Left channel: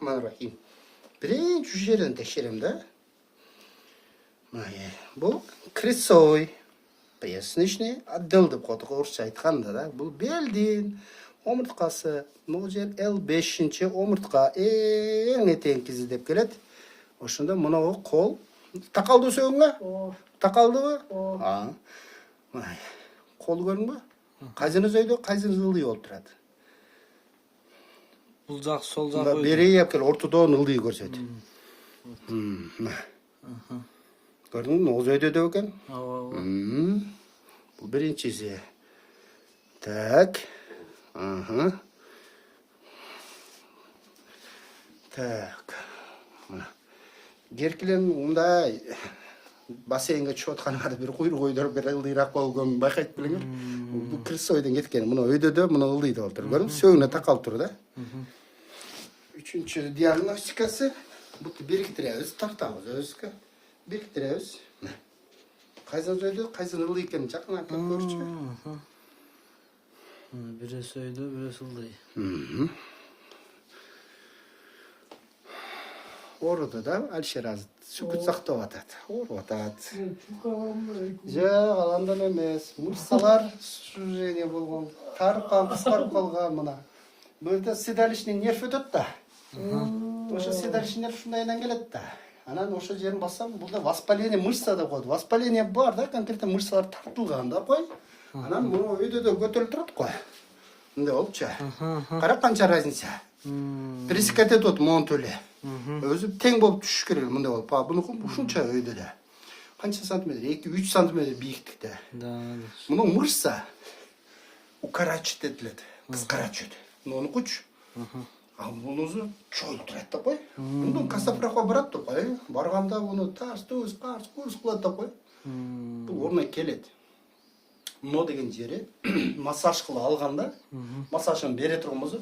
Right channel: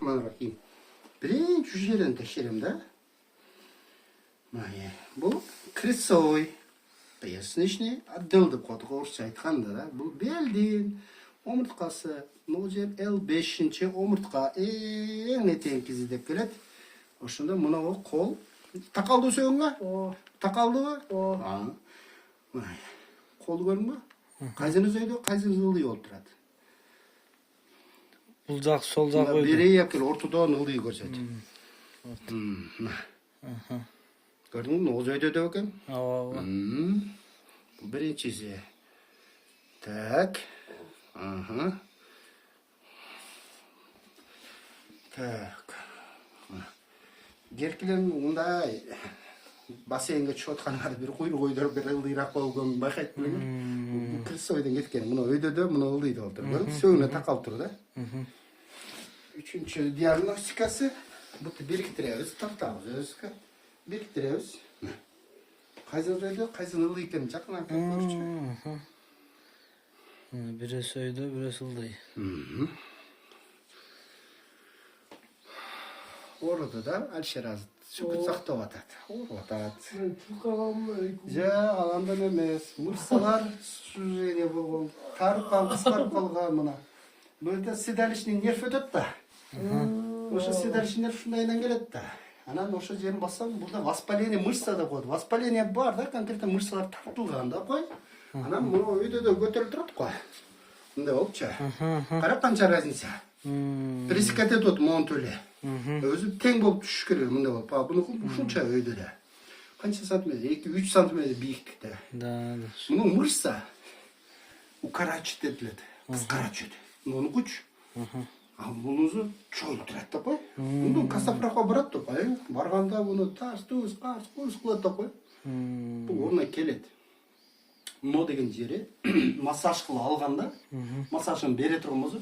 Bismillahirrahmanirrahim. Birinci жерден текшерем да. Бұл крысой. Поясничный отдел деп қойдық орысша айтқанда да. Бұл белден омыртқасы. Бұл жер L5-ші омыртқа ең етең кезі деп келеді. Ошында мұнағы қол. Тақалды сөңға? Тақалды ба? Қол көрің ба? Қайсыңыз өйді, қайсыңыз ылдый болып тұрады. Бұл жақ, сол жақ өйді. Берей әпкел ортодон ылдый көрсет. Көрдің бі, оз өйді өкен? Бұл біріншісі. Так. Так. Геркелен ондай бассейнге түсіп отқанға бір құйрық ойдырып бір ылдырақ болған байқайды біліңіз. Бұл кіріс ойдан кеткен. Мұны өйдеді, мұны ылдыйды отыр. Көрдің? Сөңіне тақалып тұр да. Üçüncü diagnostikası. Bu biriktiriyoruz. Tartağız özgü. Biriktiriyoruz. Kaysan söyledi, kaysan ıldı iken çakın arkadaşlar görüşçü. Biri söyledi, biri ıldı. Orada da Alişer Azı sükut sakta vatat. Vatat. Ja, alandan emez. Mırsalar sürene bulgan. Tarıp kalған mına. Böyle седалищный нерв өтөт да. Ошо седалищный нерв шундайдан келет да. Анан ошо жерин бассам, burada воспаление мышца деп коет. Воспаление бар да, конкретно мышцалар тартылган да кой. Анан муну өйдөдө көтөрүлүп турат кой. Мындай болчу. Кара канча разница. Пресекать этот монун төлө. Өзү тең болуп түшүш керек мындай болуп. Бунуку ушунча өйдөдө. Канча сантиметр? 2-3 сантиметр бийиктикте. Да. Мунун мышца укорачивать этилет. Кыскарачат. Onu kuç. Bunuzu çoğulu тұрады да қой. Бұны кастапраққа барады да қой. Барғанда бұны тас, тұз, қас, қыз қылады да қой. Бұл орнай келеді. Мұны деген жері массаж қылы алғанда, массажын бере тұрғымызы,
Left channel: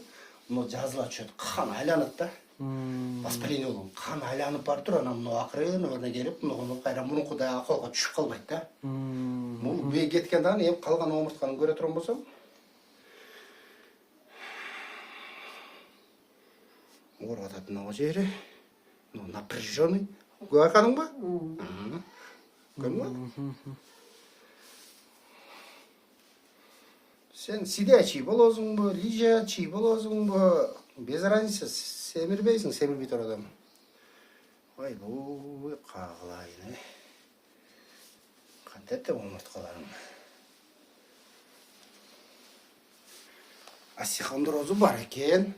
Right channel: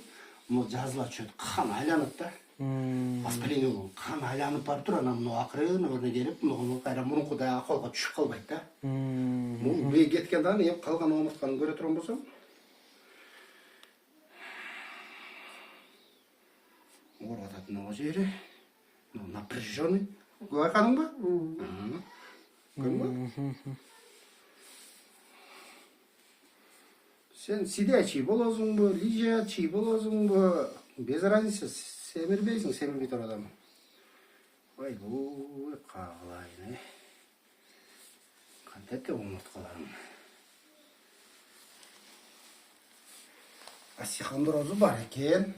мұны жазыла түседі. Қан айланып да. Воспаление болу. Қан айланып бар тұр, ана мұны ақырын өріне келіп, мұны қайран мұны құдай ақылға түшіп қалмайды да. Бұл бей кеткендан еп қалған омыртқаны көре тұрған болсам, орғататын ау жері, напряженный. Көрдің ба? Көрдің ба? Сен сидячий болозың ба, лежачий болозың ба, без разницы, семірбейсің, семірбей тұр адам. Ай, бұл қағылайын, қантәтті омыртқаларың. Осихондрозы бар екен.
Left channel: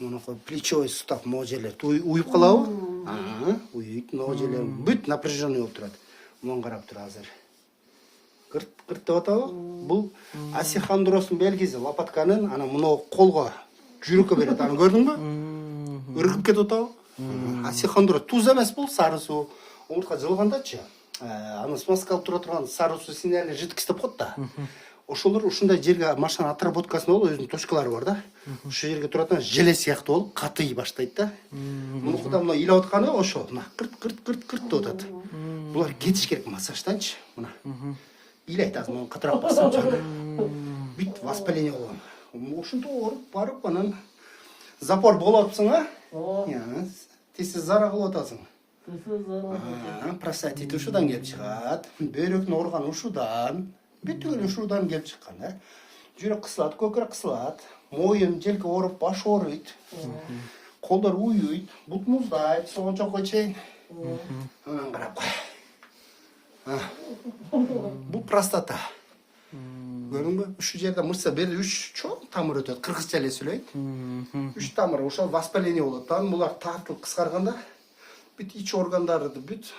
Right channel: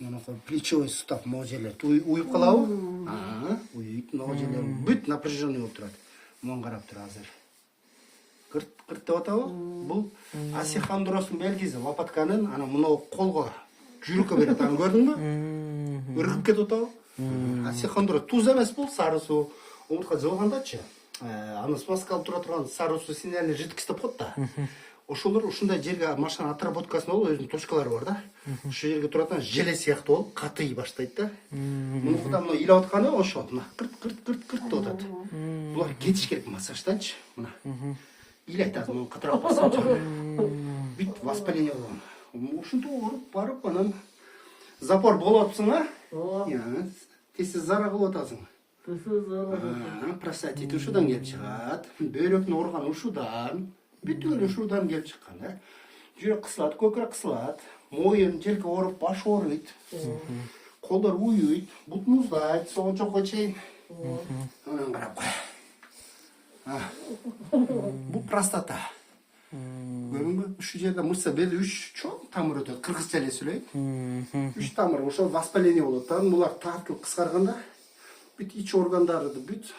Мұны плечевой сустав мына жерлер уйып қалауы. Уйып, мына жерлер бүт напряженный болып тұрады. Мұны қарап тұр азыр. Қырт деп атауы. Бұл осихондроздың белгісі. Лопатканың ана мұны қолға жүрікке береді. Аны көрдің бе? Үргіп кетіп атауы. Осихондроз туз емес бұл, сары су. Омыртқа жылғанда ше. Аны смазкалып тұрған сары су сигналы жидкость деп қойды да. Ошолар ушундай жерге машина отработкасында болуп өзүнүн точкалары бар да. Ошол жерге турат желе сыяктуу болуп катый баштайт да. Муну куда мына илеп атканы ошол мына кырт деп атат. Булар кетиш керек массажданчы. Мына. Илейт азыр муну катыраак бассамчы. Бүт воспаление болгон. Ушунтип ооруп барып анан запор болуп атсың, тез зара кылып атасың. Простатит ушудан келип чыгат. Бөйрөктүн ооруганы ушудан. Бүтүн ушудан келип чыккан, жүрөк кысылат, көкүрөк кысылат, моюн желке ооруп, баш ооруйт, колдор уюйт, бут муздайт, соончокко чейин. Карап кой. Бул простата. Көрдүңбү? Ушул жерде мышца бери 3 чоң тамыр өтөт, кыргызча эле сүйлөйт. 3 тамыр, ошол воспаление болот. Анан булар тартылып кыскарганда бүт ич органдарды бүт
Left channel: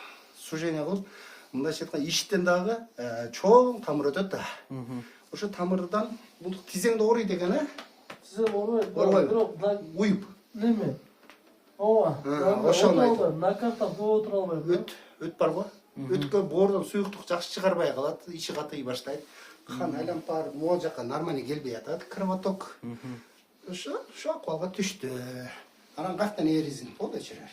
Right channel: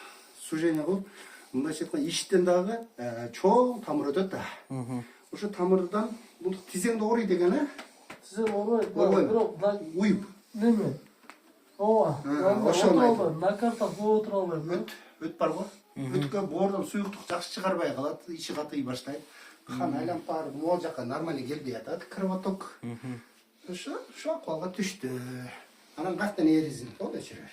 сужение кылып, мындайча айтканда иштен дагы чоң тамыр өтөт да. Ошо тамырдан бул тизеңди ооруйт экен, Тизең оорубайт, бирок уюп. Неме? Ооба. Ошондой. На карта отура албайм. Өт барбы? Өткө боордон суюктук жакшы чыгарбай калат, ичи катый баштайт. Кан айланып барып, могу жака нормально келбей атат, кровоток. Ошо акыбалга түштү. Анан каяктан эризин, болду чырар.